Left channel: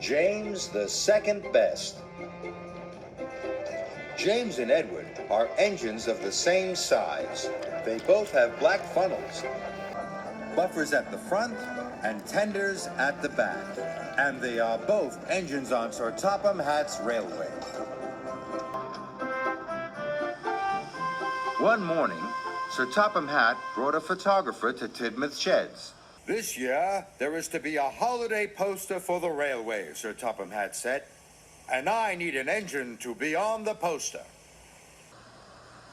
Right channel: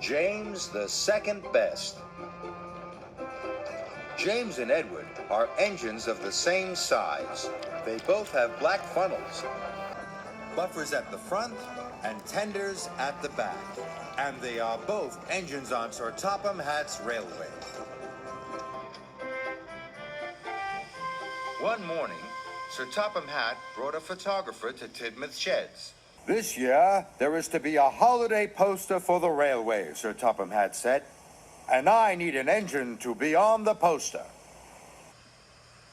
James the second best. James and Edward are engines of the same size. They both have black funnels, buffers at the front and tenders at the back. And they are both engines on Sir Topham Hatt's railway. One morning, Sir Topham Hatt brought a photographer to Tidmouth Sheds. This year, there is to be a holiday poster for the railway, Sir Topham Hatt said. And I need an engine to be on the poster.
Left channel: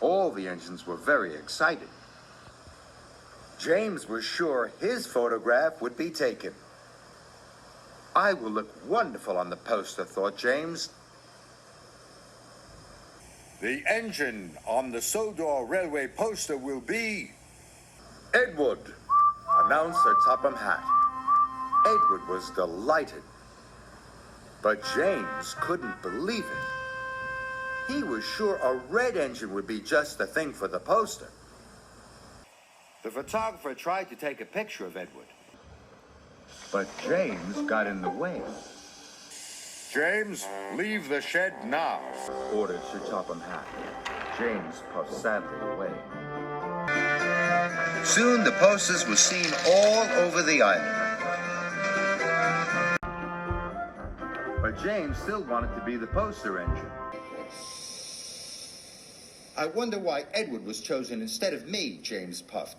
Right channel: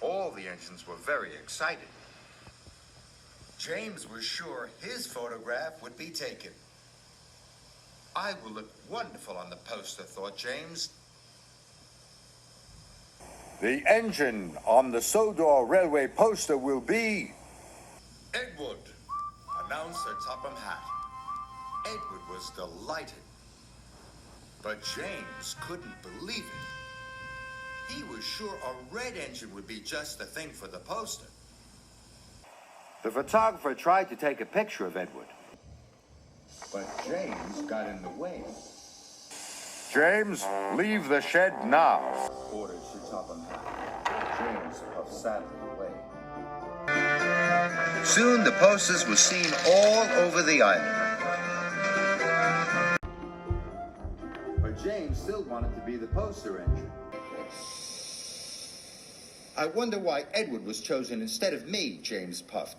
All the engines were very excited. James was sure his photograph would be taken. I will look wonderful on the poster, thought James. The engine on the Sodor Railway poster will be Edward, announced Sir Topham Hatt. Edward was delighted. But James couldn't believe it. He was sure a red engine would be just the thing for the poster. The photographer tried to take a picture of Edward. But James got in the way. James, leave the shed now, Ordered Sir Topham Hatt. James puffed sadly away. Soon the posters were seen all over the island. But James still wanted to be the poster engine. I wonder why Edward was chosen instead of me, James puffed.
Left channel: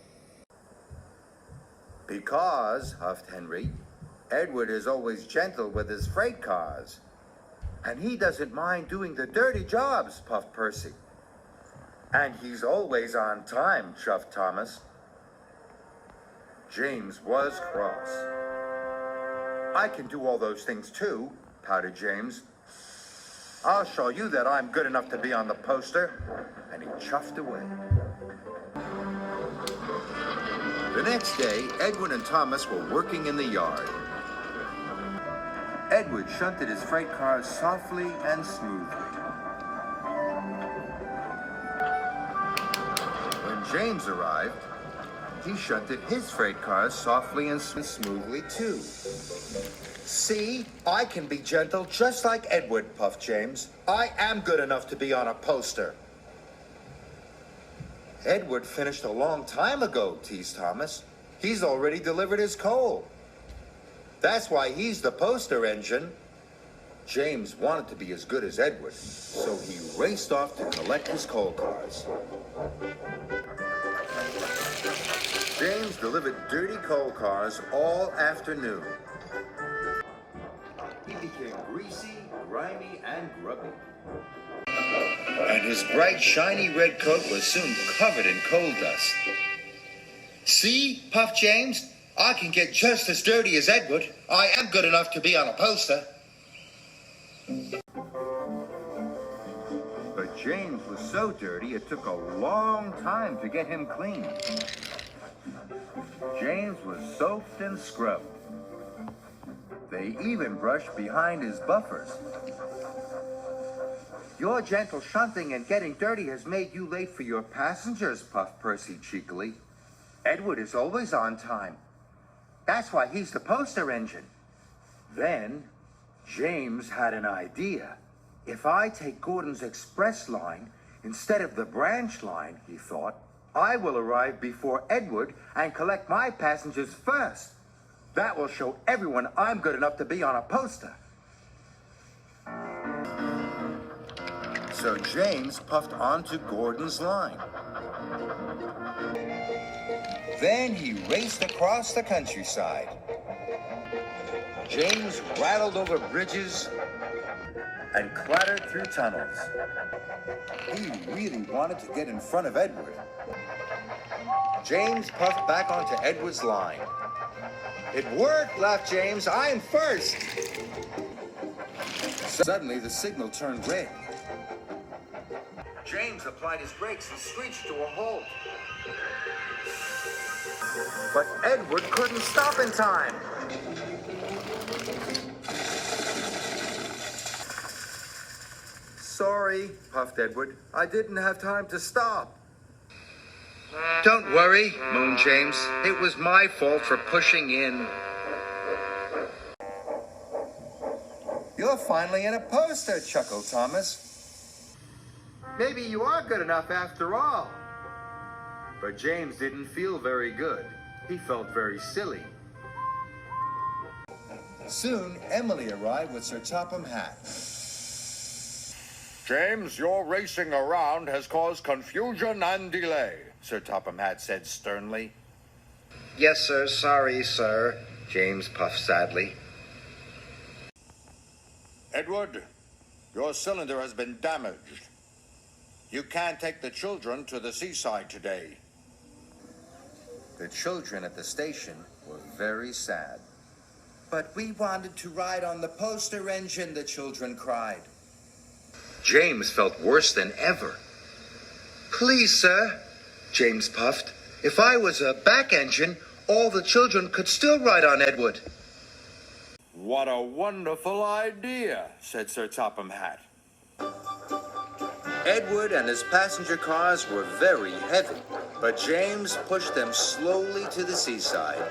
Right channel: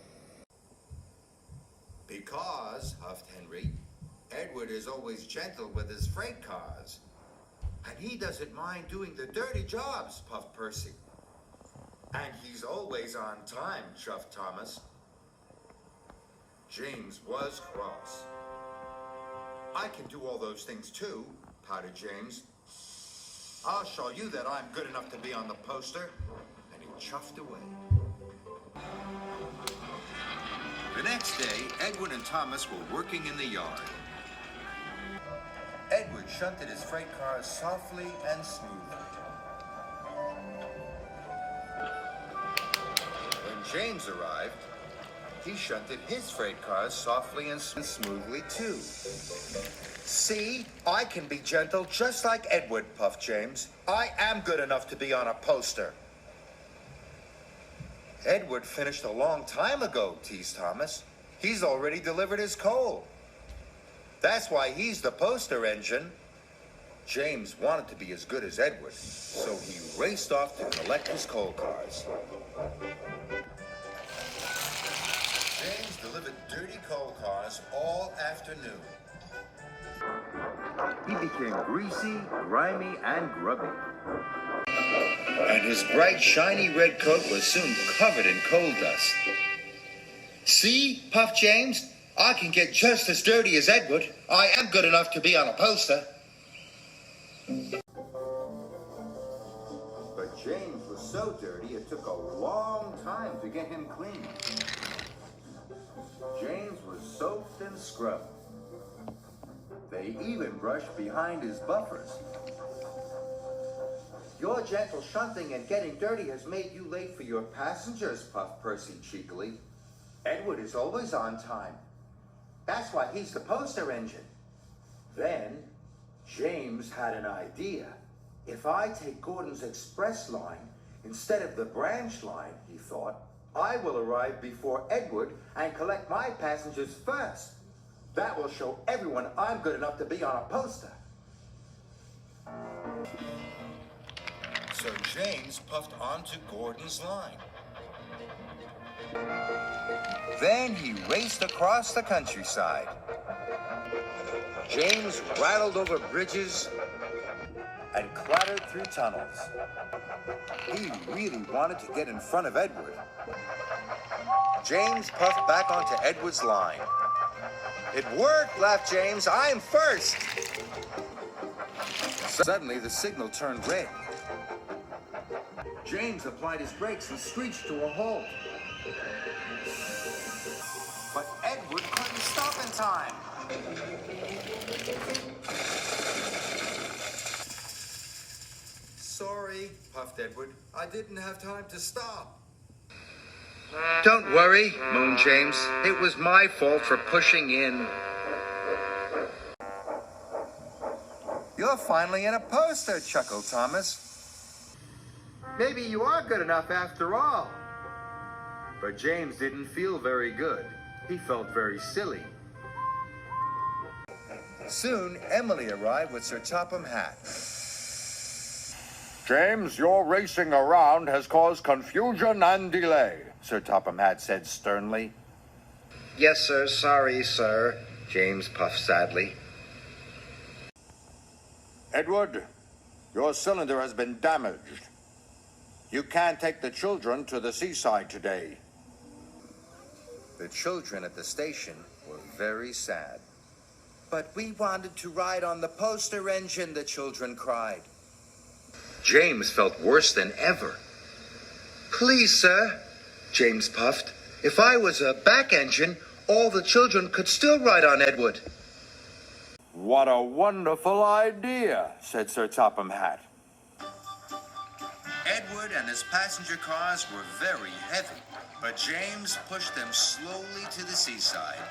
Because, huffed Henry, Edward is always gentle with his freight cars. And he doesn't mind doing the dirty jobs, puffed Percy. And he's always on time, chuffed Thomas. James was cross. I can do all those things too, pouted James. I'll show you that I'm good enough to be on the poster. And he chuffed away. The next day, Edward and Thomas were working in the yard. Edward shunted his freight cars softly and smoothly. When James arrived, he shunted his freight cars softly and smoothly too. See, I can be gentle just like Edward, puffed James. I am good enough to be on a poster. Edward finished a long time ago, teased Thomas. He's already delivered his coal. That's why he's the poster engine. James wanted to be as good as Edward, so he raced off to collect his coal cars. James delivered dirty coal cars all afternoon. He became greasy, grimy, and grubby. And his bright, shiny red coat was soon covered in coal dust. See, puffed James, I can get just as dirty as Edward. I am good enough to be on a poster. But James was so dirty it took a long time to get him clean. James was soaped and scrubbed. They even brushed behind his buffers. Your gentle shunting and getting dirty has made you late for your passengers, puffed Percy cheekily. Edward is always on time. That's why he's the poster engine. Then, James had an idea. If I take Gordon's express line instead of the branch line, he thought, I will arrive before Edward and collect my passengers first. That will show everyone I'm good enough to be on a poster. So James puffed onto Gordon's line. Then he raced across the countryside. James rattled over bridges and clattered through tunnels. He really wanted to get in front of Edward. James puffed back onto Edward's line. It worked, laughed James. I'm first. Suddenly, the signal turned red. James applied his brakes and screeched to a halt. But Edward couldn't stop in time. Sorry, puffed Edward. I didn't have time to stop. Don't worry, moaned James. It was my fault for pushing in. You're finally in a poster, chuckled Thomas. Maybe you are good enough after all. But James didn't feel very good. He felt very silly. Soon, Emily arrived with Sir Topham Hatt. James, your racing around has caused confusion and delay, Sir Topham Hatt said sternly. Yes, sir. Sorry, sir, James puffed sadly. Edward, your cylinder has been damaged. You can't take the children to the seaside today. The children at the station were very sad. But we wanted to ride on the poster engine, the children cried. James felt worse than ever. Please, sir, James puffed. If I was a back engine, all the children could still ride on Edward. What a wonderful idea, said Sir Topham Hatt. Edward and his passenger cars were very heavy, but James pushed them slowly to the seaside.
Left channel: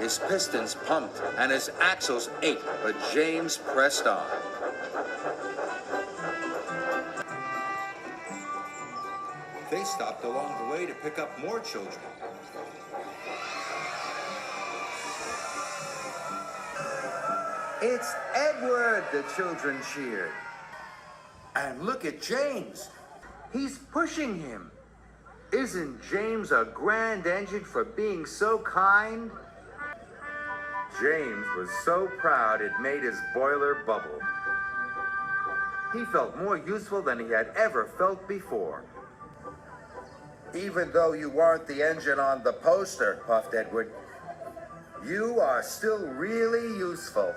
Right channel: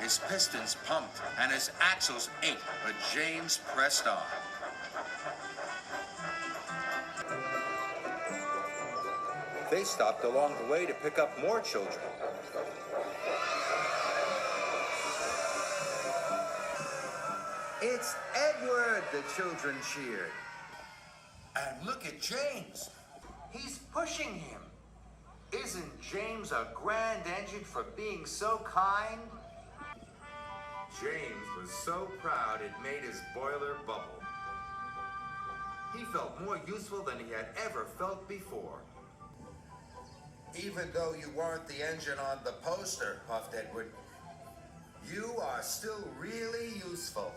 His pistons pumped and his axles ached, but James pressed on. They stopped along the way to pick up more children. It's Edward, the children cheered. And look at James. He's pushing him. Isn't James a grand engine for being so kind? James was so proud it made his boiler bubble. He felt more useful than he had ever felt before. Even though you weren't the engine on the poster, puffed Edward, you are still really useful.